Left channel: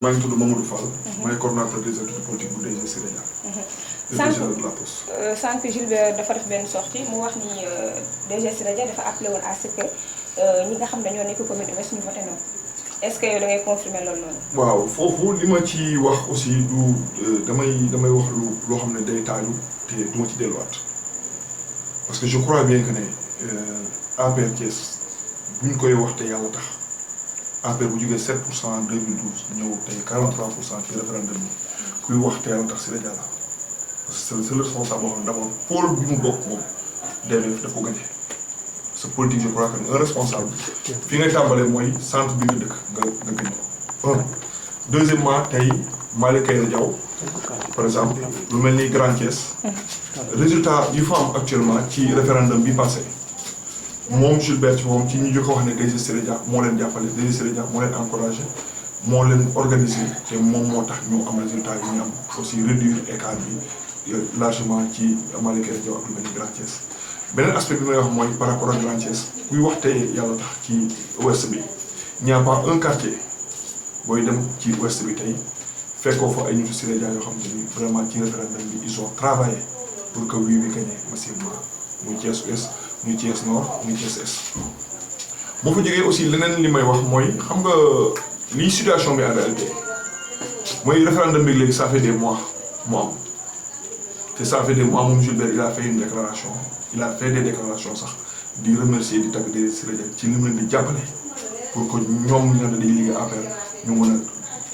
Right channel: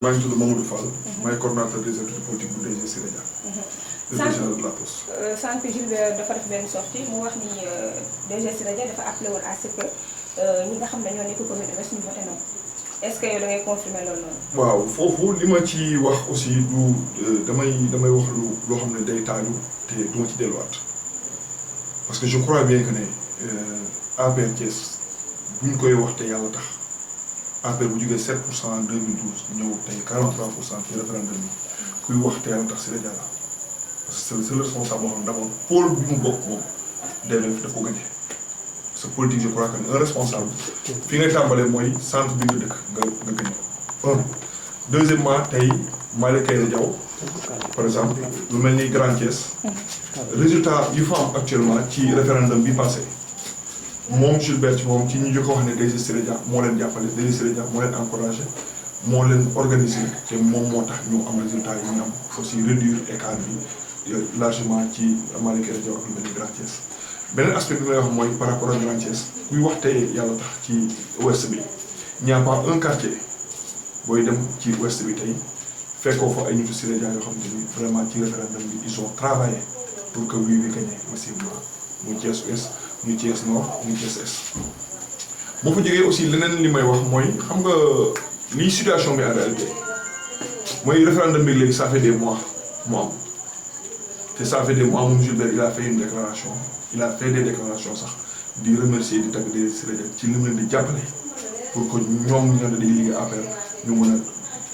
maa ngi tudd Mamadou Fall. maay coordonnateur des activités politiques bu DG Sénégal. directeur de la poste. sànq Jules dafa def benn sortie mu wax ni DG Sénégal dafa appelé woon à ce que ñi nga xam ne ñoo nekk commune Ouest ñu voté non est-ce que yow da ngay confirmer loolu noonu. waaw foofu li ma ci wax aussi du damay wax loo xam ne day taaju te du ma ci delluwaat parce que je crois bien que ne APR Thiès bu ñu koy wax te yàlla tax. APR bu jógee 7% en 2012 ñëw tey 43% ci référendum bi kuy wax te yàlla tax si rajo la parce que c'est le responsable boo xam ne d'abord pôle bi mu bokk moom DMF daf ko gagné parce que politique je crois que un responsable fi ngay tàmbalee mooy centre bi nga dëkk nga gagné ko. Deuxièmement tey Malick Kayre Diaw par exemple lu mel ni Grand Thiès résultat yu fa am actuellement ci référendum bi passé. moom Gilbert moom ci ñu jëkk wax ne DG Sénégal moo leen jàppale DG Sénégal moo leen encouragé moo leen organisé te moom moo tax ñu am résultat yi ñu am aussi réduire écart bi largement ci Malick Kayre Diaw ak lu mel ni Grand Thiès. beneen aspect bi may wax mooy par rapport ak Grand Thiès kuy wax te yàlla tax ci ouest bi il n'y a pas un quartier booy dem ci ouest bi tey fekkoo fa ay nitu Sénégal yoo xam ne bi vraiment ci référendum bi ils ont travaillé pour que oui bi gagné massivement muy Thiès ouest. muy Thiès Nord muy Thiès Est boo fa jógee aussi leneen li may wax mooy xam nga lii situation bi en réalité mooy référendum bi léegi ça fait des mois mu am te ça fait des mois moom Gilbert il a fait une déclaration il a fait des déclarations sax di remercier di tagg des Sénégalais ci li mu leen di jàppale pour que ñoom ñu ne dañuy liggéey affaire ñu mën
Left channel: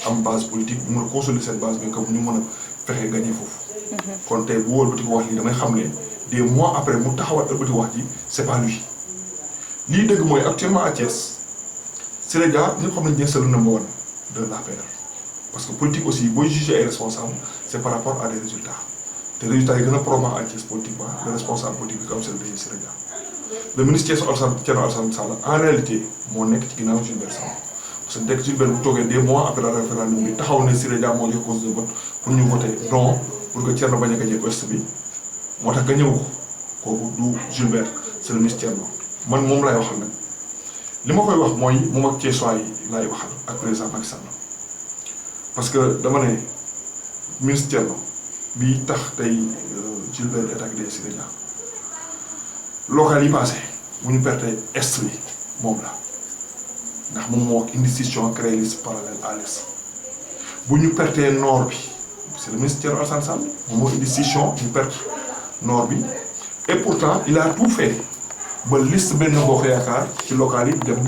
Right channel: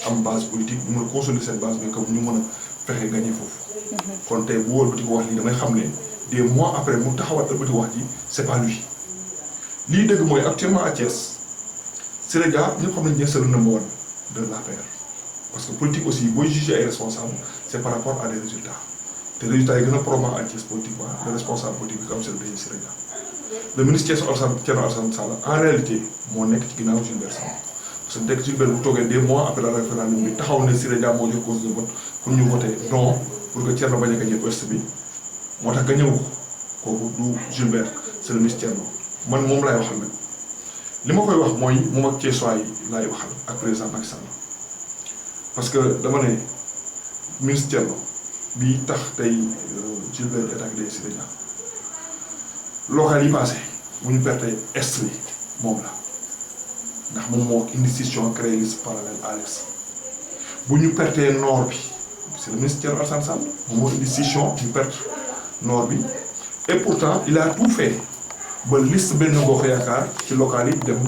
a am base politique ñu mën a consolider cette base mais comme ñu mën a fexe gagné foofu. kon tey bu wóor ba di ko wax lii damay xam ne. des mois après mu taxawaat ëlbati wax ji c'est pas lui lii dëgg mooy actuellement à Thiès Sénégal ñëpp xam nañ ne c'est le number one de l'APR parce que politique aussi booy juger ay responsables c'est par rapport à des résultats te résultats yi gën a probant à Thiès politiquement le responsable politique bi comme c'est le DG Sénégal le ministre Thierno Alassane Sall en réalité moo nekk ci ginnaaw Gilbert Sambou parce que dès que Gilbert bu toogee des mois après le référendum bi taxaw ne Sénégal moo jox cause de vote pour ñu voter non pour que Thierno bañ a gagner ouest bi moo tax nga ñëw ko kooku du Gilbert c'est le ministre Thierno man moom laay waxal nag li ma koy wax mooy moom ak Thiessois yi laay waxal ak président Macky Sall parce que dama ne ministre Thierno bi tax tey Gilbert est ak des Sénégal local yi passé bu ñu perte est bi moom la ndax moom moo indi institution créé liste parallèle à l'est bu ñu pertee nord bi c'est le ministre Thierno Alassane Sall moom moo indi institution ñu perte nord bi et pourtant il a tout fait ba liste benn Bokk Yaakaar ci local yi dem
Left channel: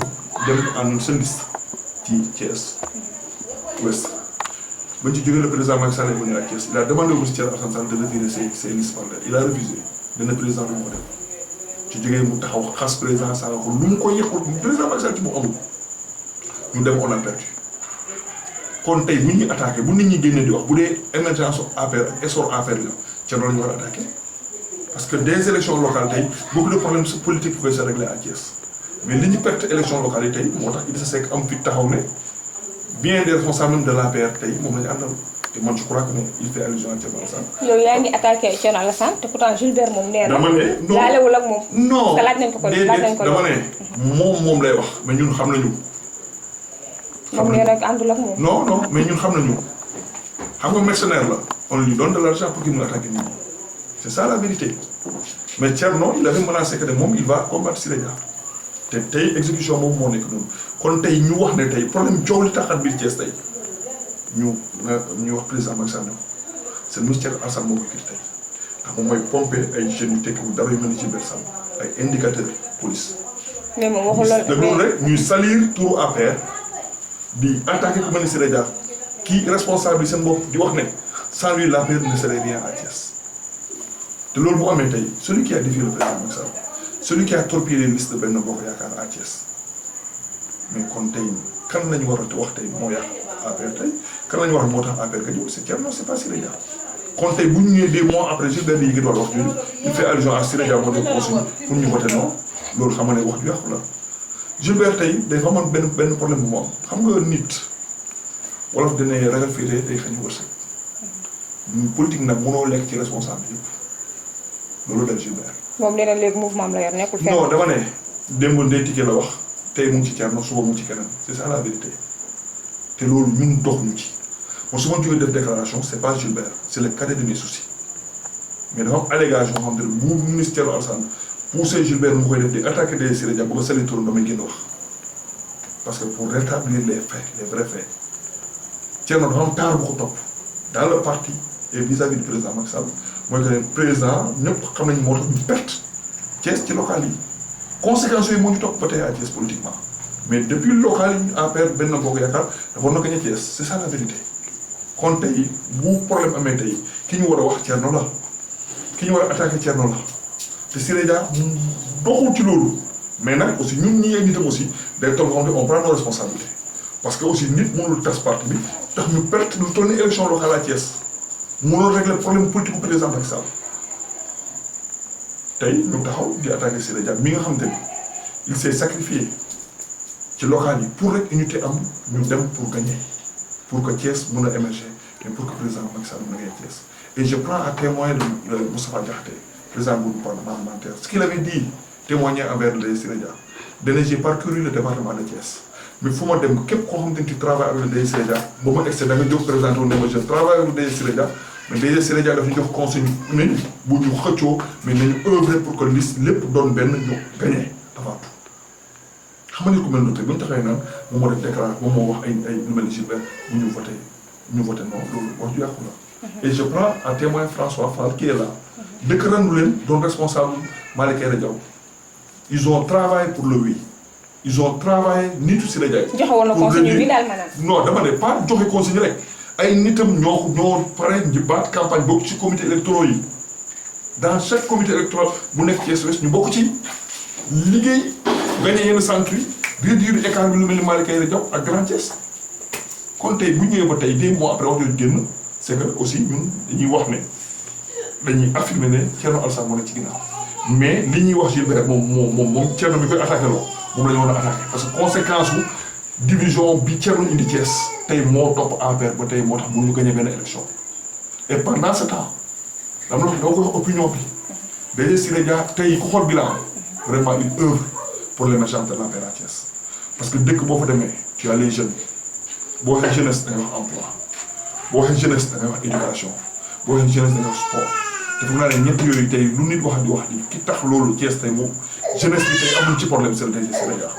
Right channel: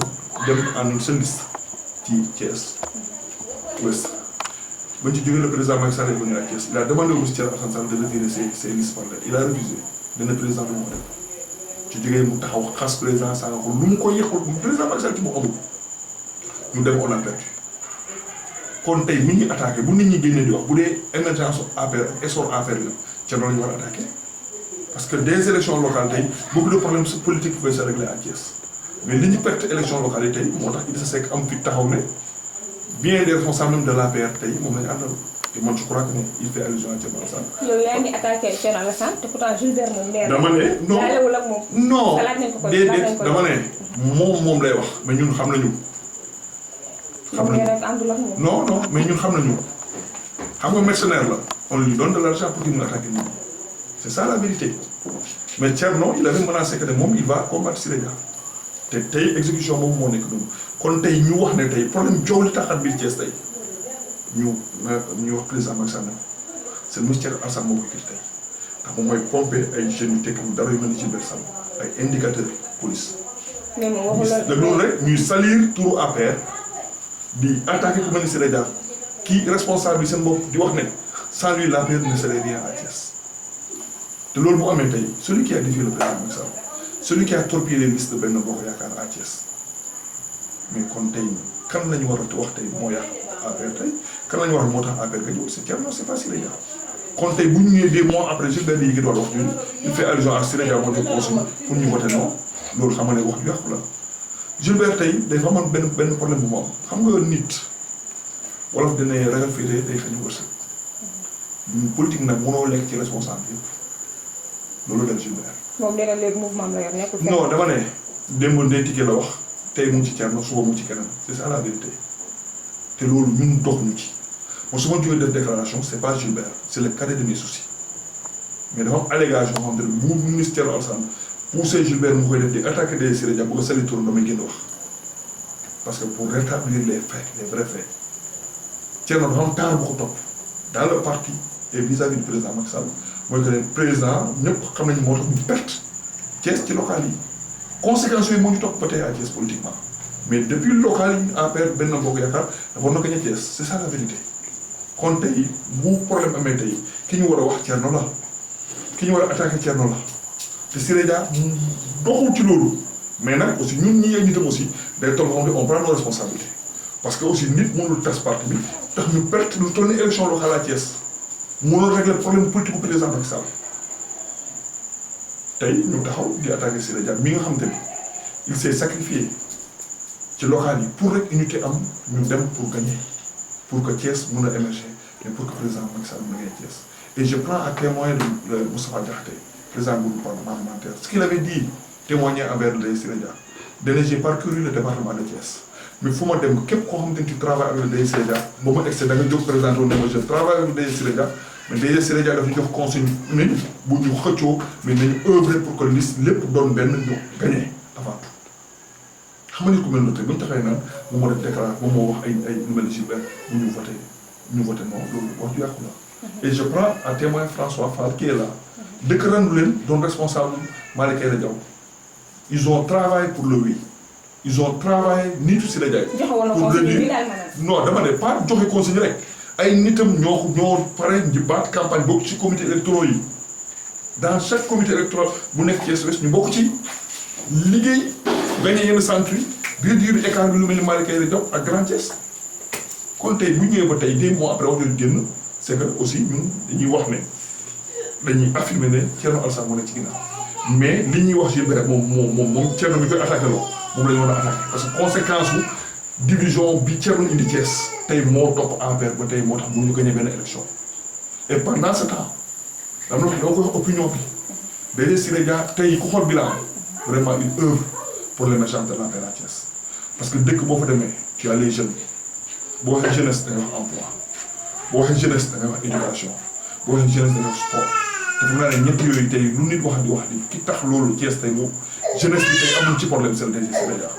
en une seule liste ci Thiès ouest bañ ci jógee le président Macky Sall ba ñu à Thiès il a demandé au ministre Thierno Alassane Sall de retirer ses listes parallèles il a refusé dana président lu mu ko def ci jógee mu taxaw xas président Sall ko lu mu ko yëqul président Macky Sall ci mu amul ñu dem on a perdu kon tey bu ñuy attaqué bu nit ñi génnee di wax bu dee émergence APR ak essor APR la Thierno la ñu war a attaqué parce que des élections locales tey beaucoup de problèmes politiques pouvaient se régler à Thiès mais li ñu perte élections locales yi tey moo tax Idrissa Seck am fi taxaw ne bien des responsables même de l'APR tey moom la ñu àndal te man je crois que ne il fait allusion à Thierno Alassane. yow yaa ngi attaqué Thierno Alassane te pourtant Gilbert moom nee na. dama ne non laalewul ak moom. non laaj nañ ko ko déedéet dama ne moom lay wax mais ñun xam nañu. moom nee na àndul ak moom. non mais ñun xam nañu xam nga mercenaire la on lui donne de l'argent pour qu'il mu attaque nit ñi c'est ça la vérité mais Thierno il avait menacé que ne moom il va combattre Sénégal te tey exécution boobu moo nekk noonu kon tey ñu wax ne tey problème coow li taxat biir Thiès tey ñu wax président Macky Sall ne ko c'est le ministère Alassane moo koy kii tey ndax moom mooy pomper ay jeunes yu tekkiwul dara yu mel ni Gilbert Sambou ay indicateurs police. mais moom waxul loolu rek ñuy salir turu APR di attaquer ku mel ni Sénégal kii responsable yi seen bopp di wax ne sans lui l'APR ne serait rien à Thiès te loolu bu amee tey celui qui a défié le président Macky Sall celui qui a torpillé les listes de Benno Bokk Yaakaar à Thiès mais kon tey kan la ñu war a wax tey moo yàq APR tey kan la ñu war a moo tax APR nga ñëw c'est Thierno c'est pas Sénégal kon tey bu ñu ñëwee des mois après Gilbert yi ngi doon wax ñun il fait allusion à Sénégal moo jox consigne pour ñu voter non loolu xam nga ne wax ju yàqu la Gilbert tey day fa amoon benn problème bu mu am xam nga nit wolof dina ragal féete day xañ wërsëg politique nag mënoo lekk ci responsable yëpp loolu dal Gilbert. moom nee na léegi mouvement am la yor nekkul fenn. non dama ne démb Ndeye Tické la wax tey mu ngi ci Thierno suba mu ngi ci keneen c'est ça la vérité te loolu ñun doxuñu ci moi su ma jógee def déclaration c'est pas Gilbert c'est le cadet de mes soucis mais dafa am allégation xam ne bu ministère Alassane poussé Gilbert mu koy def di attaquer des Siré Dia bu ko sali turam damay génn wax parce que pour rétablir les faits les vrais faits Thierno dafa am taar bu ko topp dans le parti et vis-à-vis du président Macky Sall mooy que ne président ñëpp xam nañu moo tax ñu perte Thiès ci local yi conséquences yooyu moo ñu topp ba tey à Thiès politiquement mais depuis local yi APR Benno Bokk Yaakaar dafa na gagné Thiès c'est ça la vérité kon tey bu problème amee tey ki ñu war a wax Thierno la ki ñu war a attaqué Thierno la te Siré Dia doxul ci loolu mais nag aussi ñun ñi ay nitam aussi day toll xam ne on prend nos responsabilités parce que aussi nit mënul tas parti bi tax ñu perte lu toll ni élection locale à Thiès mënul régler problème politique bu président Macky Sall tey ñu taxaw di attaqué Siré Dia mi nga xam te ni il s'est sacrifié ci local yi pour rek unité am ñu dem pour gagner pour que Thiès mën a émerger et pour que président Macky Sall mën a gagner Thiès et je prends à témoin de Moustapha Diakhaté président du groupe parlementaire ce qu'il avait dit témoigner envers le Siré Dia dana j'ai parcouru le département de Thiès mais fu ma dem képp koo xamante ni tu travailles avec le Siré Dia ba ma excès da nga jóg présenté wu ne ma je travaille avec le Siré Dia mais DG Siré Dia dafa ñu jox consigne nañ bu ñu xëccoo mais nañu œuvrer pour que liste lépp doon benn ñu gagné avant tout xam nga ni ku mel noonu tey bu ñu taxee naan moom moo def déclaration moom moo wax ay lu mel ni Gilbert bu ñu voté non loolu wax ju yàqu la. Et je prends à témoin François Fall qui est là. dëkk randu leen doon responsable Malick Aïda Diaw ils ont travaillé pour le oui ils ont travaillé nitu Siré Dia. joxe woon na consigne bi daal maanaam. non dama ne pas joxe consigne rek ay nitam ñoo pare baat campagne bokk ci comité électoral yi dans chaque comité électoral bu nekk Thiès Ouest ñu bokk ci liggéey gagné yenn centre yi réduire écart bi lu mel ni Malick Aïda Diaw ak Grand Thiès kon tey bu ñëwee ba tey 2 mois après wax dëgg génn c'est que aussi ñun dañuy wax ne dañuy affirmer ne Thierno Alassane moo nekk ci ginnaaw mais li ñuy wax Gilbert moom Thierno mi koy attaqué loo moom la ñu war a attaqué parce que conséquence su division bi Thierno indi Thiès tey moo topp APR ba tey moo tax mënuñu gagné benn élection et pendant ce temps dama la koy wax opinion bi DG Siré Dia tey ku xool bilan vraiment il œuvre pour l'émergence de l'APR à Thiès parce que dëkk boo fa demee tu as les jeunes boo waxee jeunesse da ngay wax emploi boo waxee jeunesse da ngay wax éducation boo waxee jeunesse da ngay wax sport te foog naa ne ñett yooyu tey lu nit wax di ki tax loolu Thiès tey moom jeunesse bi tey amul ci problème c'est le DG Siré Dia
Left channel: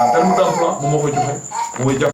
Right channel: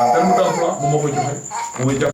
en terme d'emploi moom moo koy joxe moom mooy jàpp